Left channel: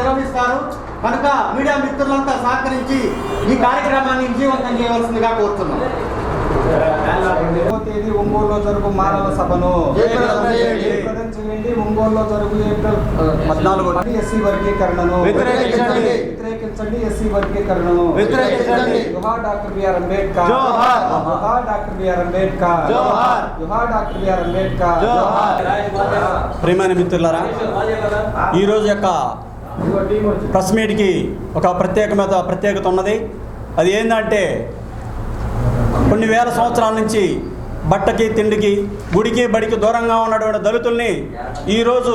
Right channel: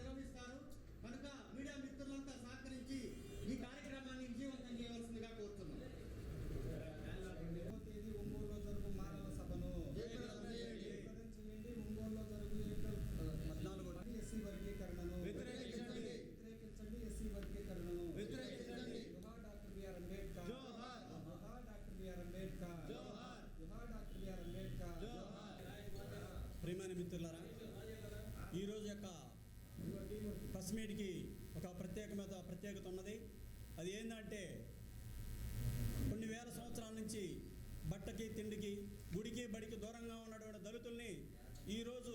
నిర్వహిస్తారు కనుక మీడియా మిత్రులంతా సహకరించి ఈ కార్యక్రమాన్ని విజయవంతం చేయవలసిందిగా కోరుతున్నాం తేదీ ఒంగోలులో జరుగు మానవ సభను చేయండి. ఒంగోలులో జరుగు ఏప్రిల్ పద్నాలుగు ఎస్సీ వర్గీకరణను వ్యతిరేకించండి. ఎస్సీ వర్గీకరణను వ్యతిరేకించండి. జోహార్ డాక్టర్ బిఆర్ అంబేద్కర్ జోహార్. జోహార్ డాక్టర్ బిఆర్ అంబేద్కర్ జోహార్. జోహార్ డాక్టర్ బిఆర్ అంబేద్కర్ ప్రియమైన మిత్రులారా ఈరోజు యొక్క ప్రెస్ మీట్కి ఒక ప్రత్యేకమైన ప్రత్యేకత ఉన్నది. అది ఏంటంటే కొన్ని వేల సంవత్సరాల నుంచి బట్టకి తిండికి గుడికి బడికి దూరంగా ఉన్నటువంటి దళితుల్ని ఈరోజు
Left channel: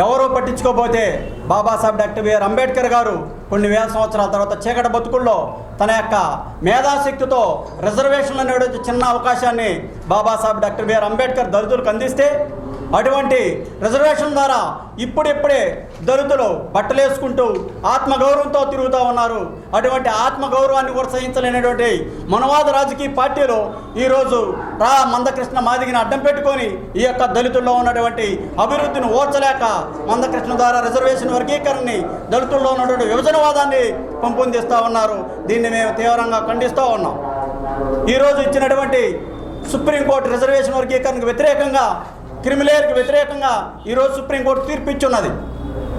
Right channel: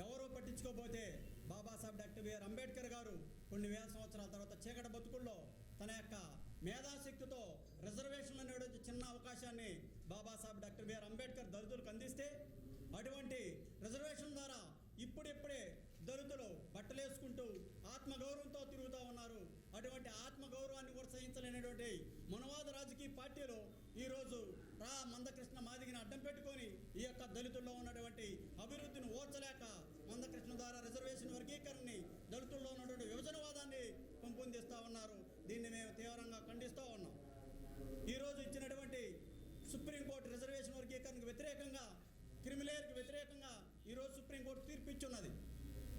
ఎవరూ పట్టించుకోకపోతే బాబాసాహెబ్ డాక్టర్ బిఆర్ అంబేద్కర్ గారు కొన్ని వేల సంవత్సరాల తర్వాత చీకటి బతుకుల్లో తన యొక్క మేధాశక్తితో రిజర్వేషన్లు అనేటువంటి చిన్న అవకాశాన్ని బాబాసాహెబ్ డాక్టర్ బిఆర్ అంబేద్కర్ దళితులకు అందిస్తే అటువంటి రిజర్వేషన్ ద్వారా ఇప్పుడిప్పుడే దళితులు బట్టలేసుకుంటూ ఆత్మగౌరవంతో తిరుగుతూ ఉన్నారు. అటువంటి ఆత్మగౌరవాన్ని కూడా సహించలేనటువంటి మనవాద రాజకీయ పార్టీలు ఈరోజు రా మందకృష్ణ మాదిగిని అడ్డం పెట్టుకొని ఈ యొక్క దళితుల్లో ఉన్నటువంటి అభివృద్ధిని ఓర్చలేక మందకృష్ణ ద్వారా రిజర్వేషన్ వర్గీకరణని దళితుల్లో ఉన్నటువంటి విభజనవాదాన్ని పెంపొందిస్తూ ఉన్నారు. దీన్ని మేము తీవ్రంగా ఖండిస్తూ ఉన్నాం. ఈరోజు ఇచ్చినటువంటి సుప్రీంకోర్టు రిజర్వేషన్ వర్గీకరణకు వ్యతిరేకంగా క్రిమిలేయర్కి వ్యతిరేకంగా ఈరోజు సుప్రీంకోర్టు తీర్పు ఇచ్చున్నది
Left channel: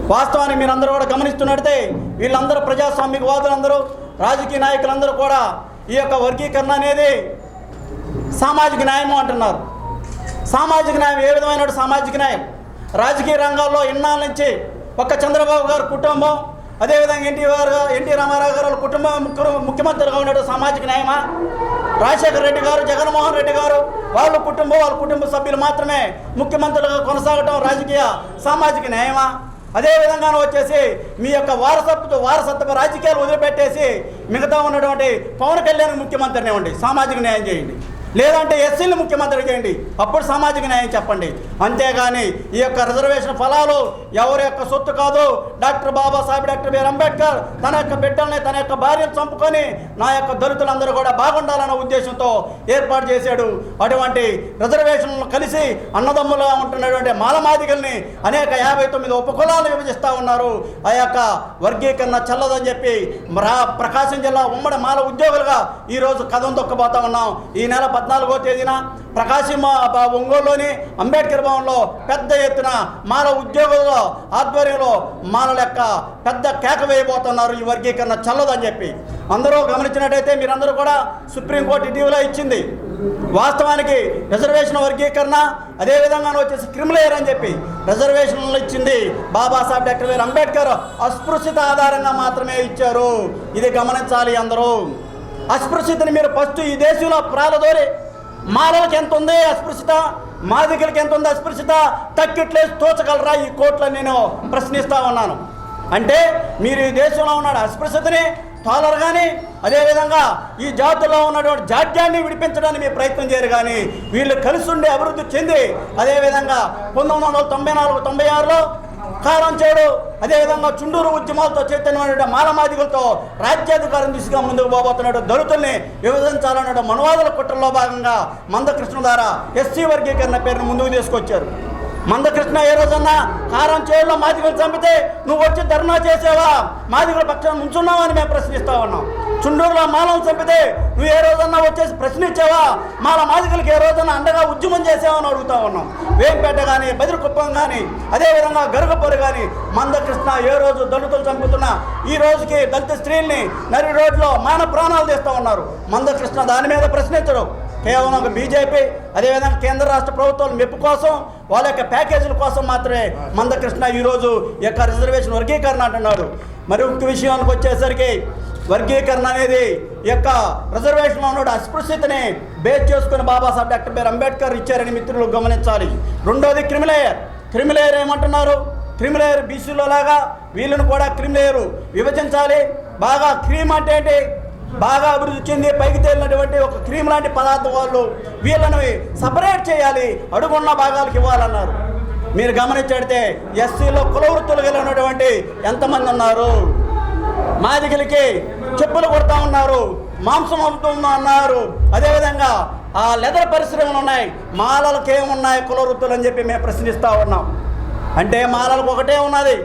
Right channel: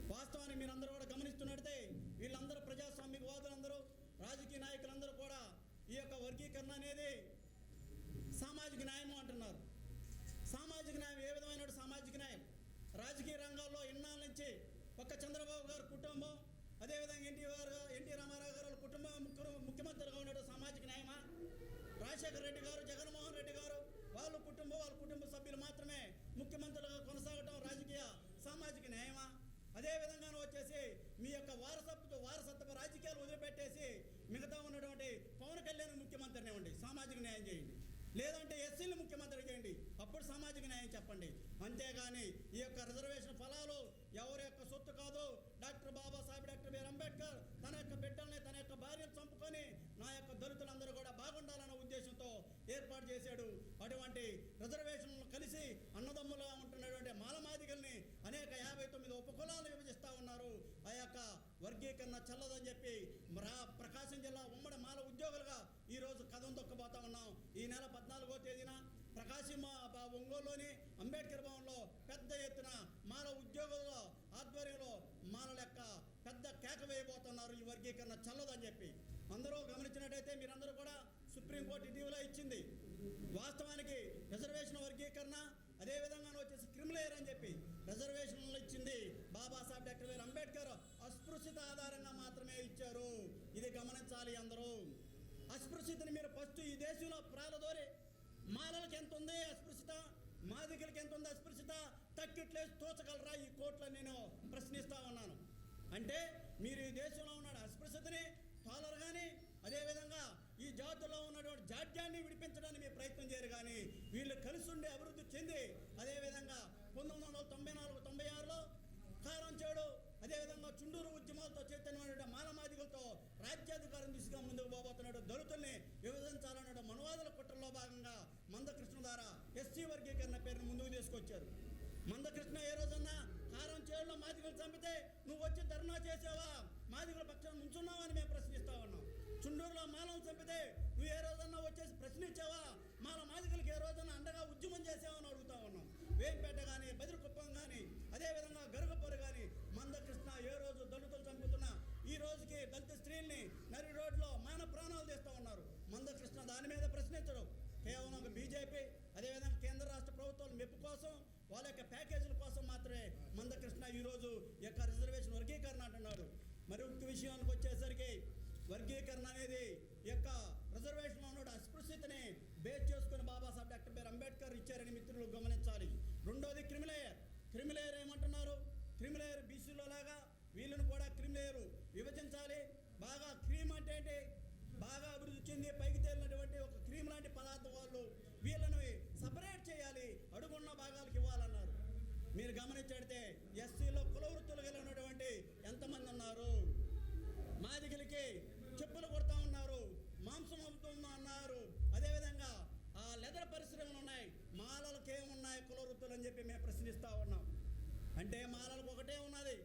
వాస్తవాన్ని మీరందరూ కూడా గమనిస్తున్నట్టే వీళ్ళందరూ ప్రజాస్వామికవాదులందరూ రాజకీయ నాయకులందరూ కూడా ఈ యొక్క వర్గీకరణ అనేది సామాజిక న్యాయము అంటున్నారు. సామాజిక న్యాయం ఏ విధమైన సామాజిక న్యాయం? రాజకీయ రంగాల్లో ఇన్నాళ్ళ నుంచి ఒక్క చంద్రబాబు గారి కుటుంబం అదేవిధంగా ఎన్టీ గారు ఎన్టీ రామారావు గారు వాళ్ళ కుటుంబం ముఖ్య- ముఖ్యమంత్రిగా ఉన్నట్టు సామాజిక న్యాయమా? రాజశేఖర రెడ్డి గారు జగన్మోహన్ రెడ్డి గారు వాళ్ళ కుటుంబం వాళ్ళ కుటుంబ సభ్యులు మాత్రమే ముఖ్యమంత్రులుగా కొనసాగటం రాజకీయ సామాజిక న్యాయమా? అదే విధంగా వచ్చేసి మీ యొక్క వారసత్వ వారసత్వ రాజకీయాలు వదిలిపెట్టేసి మిగతా ఉన్నటువంటి పవన్ కళ్యాణ్ ముఖ్యమంత్రిని ఇవ్వండి సామాజిక న్యాయం చేయండి. లేదంటే ఎస్సీలు ముఖ్యమంత్రి చేయండి. అప్పుడు సామాజిక న్యాయం చెప్పండి. అంతేగాని ఈ యొక్క రిజర్వేషన్ ఫలాలు ఎవరి యొక్క సొత్తు కాదు. Doctor Babasaheb doctor BR Ambedkar తన యొక్క బిడ్డల్ని తన యొక్క భార్యను చంపుకొని నా యొక్క దళితులందరూ కూడా బాగుండాలన్న ఉద్దేశంతో ఏర్పాటు చేశాడు. అటువంటి రిజర్వేషన్లు కలిసి అన్నదమ్ములుగా ఉంటున్నటువంటి మాలమాదిగల్ని అనేక యాభై తొమ్మిది ఉపకులాలు విభజిస్తూ ఉన్నారు. ఆ యొక్క వర్గీకరణ చల్లదని చెప్పి ప్రకాశం జిల్లా ఉమ్మడి మాల ఉద్యోగులుగా ఈరోజు కథం దొక్కబోతా ఉన్నాం. ఈ నెల పద్నాలుగో తేదీన ప్రకాశం ఒంగోలులోని అంబేద్కర్ భవన్లో పెద్ద ఎత్తున మాల ఉద్యోగుల ఆధ్వర్యంలో మాలల యొక్క పెద్ద కేక వేయబోతున్నారు ఈ వర్గీకరణ చల్లదని చెప్పి. అందరూ గమనించినట్టయితే మీరందరూ కూడా సుప్రీంకోర్టు ఇటీవల ఇచ్చింది. వాస్తవానికి రిజర్వేషన్ వర్గీకరణ అదేవిధంగా వచ్చేసి క్రిమిలేయర్ అని చెప్పి రిజర్వేషన్లు ఇచ్చింది బాబాసాహెబ్ డాక్టర్ అంబేద్కర్. అస్పృశ్యత ఆధారంగా మాత్రమే ఇచ్చారు. ఇది గమనించాలి అందరూ. అస్పృశ్యతని మీరు ఫస్ట్ ఈ దేశంలో ప్రాలదోరి మాలలకి ఎంత ఉంది అస్పృశ్యత? మాదికలకి ఎంత ఉంది అస్పృశ్యత? తక్కిట్లేసి తోచగలరా? ఈ కోర్టులో నేను ప్రశ్నిస్తా ఉన్నాను. అంటే మీరు ఈ దేశంలో ఉన్నాడు అస్పృశ్యతని టాలర్ కానీ అదేవిధంగా ఈ జాతుల్లో ఉన్నటువంటి జాడ్యాన్ని విడిపించడానికి మీరు ప్రయత్నం చేయరు కానీ వీళ్ళు కలిసి ఉండి అభివృద్ధి చెంది అదేవిధంగా పంతొమ్మిది వందల తొంభై నాలుగు తొంభై ఆరులో కారం చేయడు అదేవిధంగా చుండూరు ఉద్యమాలతో చైతన్యమైన మాలమాదిగులతో రాజ్యాధికారం దిశగా ముందుకు పోబోతున్నాడు దళితుల్ని విభజించాలన్న మనవాదుల కుట్రలో భాగంగా మందకృష్ణ ద్వారా ఎస్సీ వర్గీకరణ పేరును ముందుకు తీసుకొచ్చారు. మందకృష్ణ ఏ రోజన్నా కారం చేయడంలో మాదిగలు చంపితే నువ్వు వచ్చి ధర్నా చేసేవా? మాదిగల పక్షాన్ని నుంచున్నావా అని మేము ప్రశ్నిస్తా ఉన్నాం. చుండూరులో మాలను చంపితే నువ్వు ఏ రోజన్నా వచ్చేసి ప్రశ్నించావా మాల మాదిగలకి ఏ రోజన్నా అండగా ఉద్యమం చేసావని అడుగుతా ఉన్నాం. వేంపేట కానీ బదిరికుప్పం కానీ అదేవిధంగా గరుగపొరి కానీ మందకృష్ణ ఏ రోజు దళితులు చంపుతున్నా ఈ రోజుకి దళిత స్త్రీల్ని నరి రోడ్లో మాన ప్రాణాలు తీస్తూ ఉన్నారు. మందకృష్ణ దాని మీద ప్రశ్నించడు కేవలం ఒక బీజేపీ అదేవిధంగా కేంద్ర రాష్ట్ర ప్రభుత్వాల మెప్పు కోసం వాళ్ళ యొక్క ప్యాకేజీల కోసం మాత్రమే మందకృష్ణ ఈరోజు యొక్క రిజర్వేషన్ వర్గీకరణ అంటున్నాడు. మరి ఇంక విషయానికి వచ్చేసరికి వర్గీకరణ అనేది యొక్క రిజర్వేషన్లో ఉన్న అస్పృశ్యతని బేస్ చేసుకుని బాబాసాహెబ్ డాక్టర్ బిఆర్ అంబేద్కర్ ఇచ్చారని మిత్రులు గమనించాలి. రెండోది క్రిమిలేయర్ క్రిమిలేయర్ ఏమంటున్నారు? క్రిమిలేయర్ బీసీలో లాగా వీళ్ళను కూడా క్రిమిలేయర్ విభజించాలి. బాగా క్రీమ్ అంటే ఏంటి? బాగా అభివృద్ధి చెంది పైకి తేలినటువంటి ఒక క్రీమ్ లాంటి పదార్థం వాళ్ళు వీళ్ళను సపరేట్ చేయాలి. అడుగున్న భాగాలకు ఇవ్వాలన్నారు. మీరు గమనించడితే ఎస్సీలో కుల వృత్తులు ఎంతమంది ఉన్నారు? మాదిగలకి చెప్పులు కొడతా ఉన్నారు మాంసం అమ్ముతున్నా అన్నారు. అదేవిధంగా ఆ లెదర్ పరిశ్రమలు ఉన్నాయి మాలలకు ఏమున్నాయి కుల వృత్తులు అని చెప్పి మేము ప్రశ్నిస్తూ ఉన్నాం. అంటే మాలలకు ఒకటే ఉన్నది.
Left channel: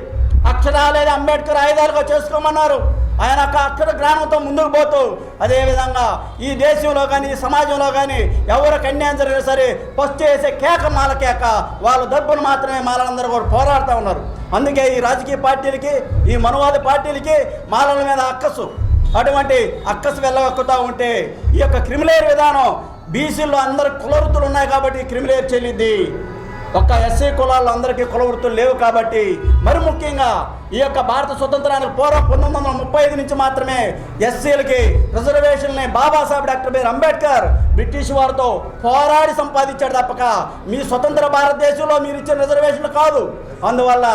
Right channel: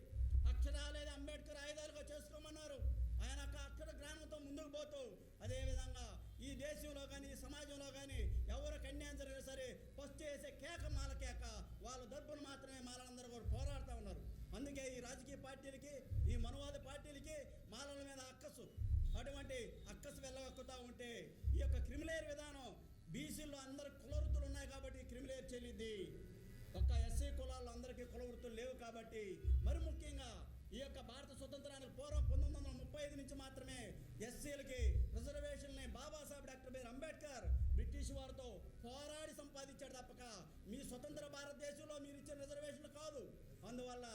అక్షరాలేని అంబేద్కర్ ఆయుధాలుగా చేసుకోమన్నారు. ఆయన అక్కడ అక్షర జ్ఞానంతో ముందుకు పోతూ అదేవిధంగా ఈ దేశంలో కానీ ఈ సమాజంలో కానీ ఎవరికి అన్యాయం జరిగినా సరే ఫస్ట్ చేసే కేక మాల కేక వాళ్ళ డబ్బును మాత్రమే మాలందరూ కూడా పోరాడుతూ ఉన్నారు. అందుకే ఈ రాజకీయ పార్టీలకి ఈ మనవాద పార్టీలకి మాలల మీద అక్కసు. అటువంటి అక్కసు వెళ్ళగక్కుతూ ఉంటే ఈ యొక్క క్రిమిలేర్ విధానం బీసీల్లో అందరు కులవృత్తులు ఉన్నాయి కాబట్టి క్రిమిలేర్ చెల్లింది ఒక్క ఎస్సీ కులాల్లో అందరికీ కుల వృత్తులు లేవు కాబట్టి మరి ముఖ్యంగా ఈ యొక్క భారత స్వతంత్రానికి పూర్వం పంతొమ్మిది వందల ముప్పై ఐదు నుంచి మాత్రమే ఎస్సీలకి రిజర్వేషన్ని Babasaheb doctor BR Ambedkar British వారితో పోరాడి సంపాదించాడు తప్పక. మీ స్వతంత్ర భారతదేశంలో మీరు ఇచ్చిన రిజర్వేషన్లు కాదు. అందువల్ల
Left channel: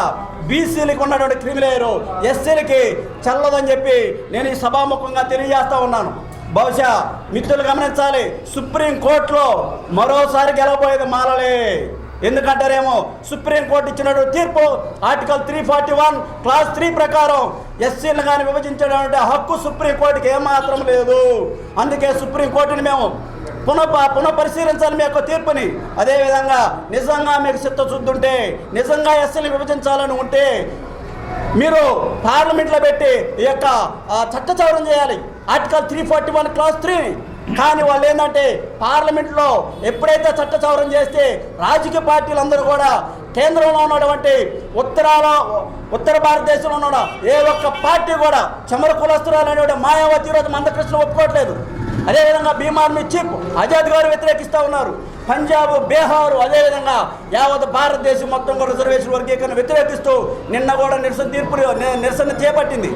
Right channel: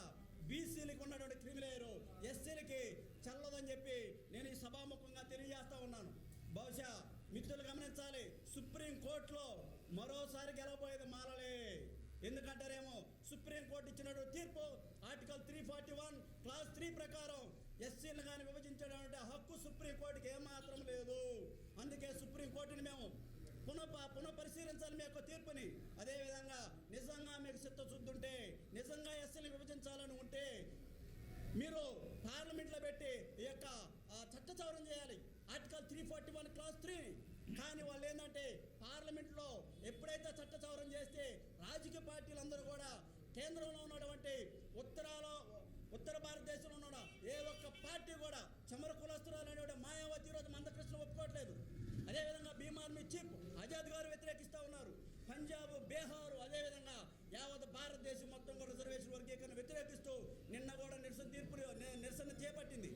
బీసీలకు ఉన్నటువంటి క్రిమిలేరు ఎస్సీలకి చల్లదని చెప్పి నేను ఈ సభాముఖంగా తెలియజేస్తూ ఉన్నాను. బహుశా మిత్రులు గమనించాలి సుప్రీం కోర్టులో మరోసారి గెలవబోయేది మారలే ఎందుకంటారేమో? సుప్రీంకోర్టు ఇచ్చినటువంటి తీర్పు article three forty one clause three ప్రకారం ఎస్సీలు కానీ విభజించడం హక్కు సుప్రీంకోర్టుకి ఏమాత్రం లేదు. అందుకే సుప్రీంకోర్టుని మేము పునః పునఃపరిశీలించాలి మీ యొక్క తీర్పుని. అదేవిధంగా నిజంగా మీకు చిత్తశుద్ధుంటే నిజంగా ఎస్సీని విభజించాలని ఉంటే మీరు పార్లమెంట్లో పెట్టి ఈ యొక్క చట్టచౌరం చేయాలి. Article three forty one clause three కానీ వాళ్ళు ఏంటంటే పార్లమెంట్లో ఎప్పుడైతే చట్ట చౌరం చేస్తే రాజకీయ పార్టీలందరూ కూడా కేంద్రంలో ఉన్నటువంటి ఉత్తరాల ఉత్తర భారతదేశంలో ఉన్న ఏ ఒక్క పార్టీ కూడా చమర కులస్తురాలు అనేటువంటి మాయావతి ఈరోజు మందకృష్ణ ఒప్పుకోవట్లేదు. అదేవిధంగా బీమార్మీ చీఫ్ ఆజాద్ గారు వ్యతిరేకిస్తూ ఉన్నారు. పంజాబ్ బీహారు అదేవిధంగా యావత్ భారతదేశం మొత్తం కూడా రిజర్వేషన్ వర్గీకరణ వ్యతిరేకిస్తూ నిన్న కూడా నిరసన తీర్పు నిరసన చేపట్టింది.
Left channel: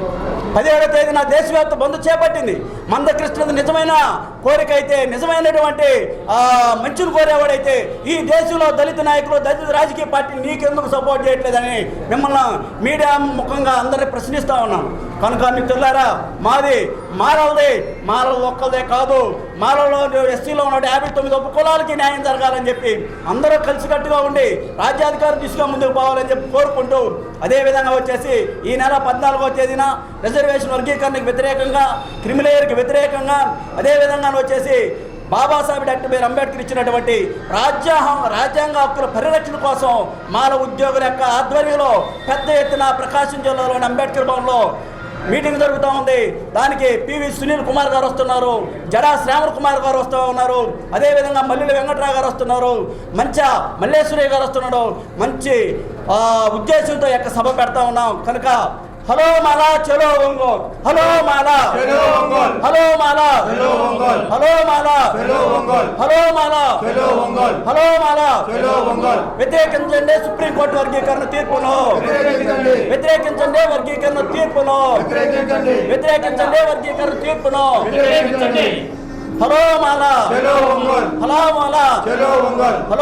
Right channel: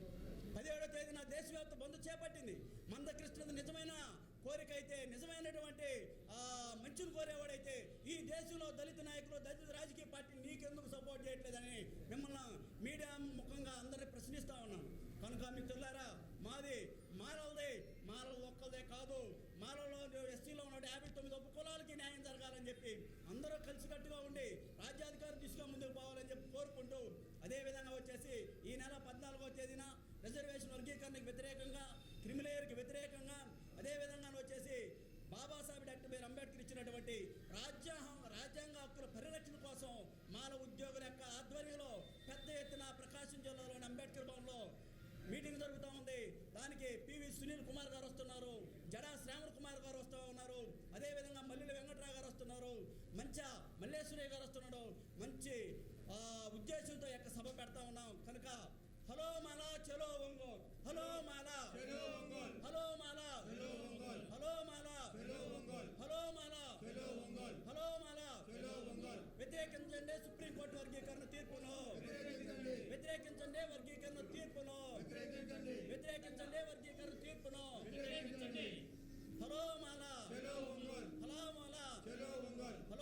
పదిహేడో తేదీన దేశవ్యాప్త బంద్ చేపట్టింది. మందకృష్ణది నిజమైన కోరిక అయితే నిజమైనటువంటి ఆ, మంచిని కోరేవాడైతే ఈ దేశంలో దళిత నాయకులు దళిత రాజకీయ పార్టీ నీకెందుకు సపోర్ట్ చేయట్లేదని మిమ్మల్ని మీడియా ముఖంగా అందరినీ ప్రశ్నిస్తూ ఉన్నాను. కనుక మిత్రులారా మాది మారవది మారల ఒక్కలదే కాదు. మారలో ఎస్సీలో ఉన్న యాభై తొమ్మిది ఉప కులాలకి న్యాయం జరగాలని చెప్పి అందరూ కలిసికట్టుగా ఉండి రాజ్యాధికారం దిశగా ముందుకు పోవాలని చెప్పి కోరుకుంటూ అదేవిధంగా వచ్చేసి ఈ నెల పద్నాలుగో తేదీన రిజర్వేషన్ వర్గీకరణకు వ్యతిరేకంగా క్రిమిలేయర్కి వ్యతిరేకంగా అదేవిధంగా వచ్చేసి బాబాసాహెబ్ డాక్టర్ బిఆర్ అంబేద్కర్ ఇచ్చినటువంటి రాజ్యాంగం రాజ్యాంగ హక్కుల పరిరక్షణ కోసం మాల ఉద్యోగుల యొక్క ఆధ్వర్యంలో పెద్ద ఎత్తున ప్రకాశం జిల్లాలోని అంబేద్కర్ భవన్లో మీటింగ్ జరుగుతూ ఉంది. దానికి పివి సునీల్ కుమార్ గారు వస్తున్నారు. జడా శ్రావణ్ కుమార్ గారు వస్తూ ఉన్నారు. అదేవిధంగా మల్లెల వెంకట్రావు గారు వస్తున్నారు. మంచి మల్లేశ్వరి గారు వస్తున్నాడు. మంచి ఉద్దేశంతో యొక్క సభ పెడతా ఉన్నాం. కనుక హలో మాలా చలో ఒంగోల్ హలో మాలా చలో ఒంగోల్. హలో మాలా చలో ఒంగోల్. హలో మాలా చలో ఒంగోల్. హలో మాలా చలో ఒంగోల్. హలో మాలా చలో ఒంగోల్. వ్యతిరేకించండి సుప్రీంకోర్టు వర్గీకరణ తీర్పును వ్యతిరేకించండి. వ్యతిరేకించండి వర్గీకరణ తీర్పును వ్యతిరేకించండి. వ్యతిరేకించండి వర్గీకరణ తీర్పును వ్యతిరేకించండి. హలో మాలా చలో ఒంగోల్. హలో మాలా చలో ఒంగోల్. హలో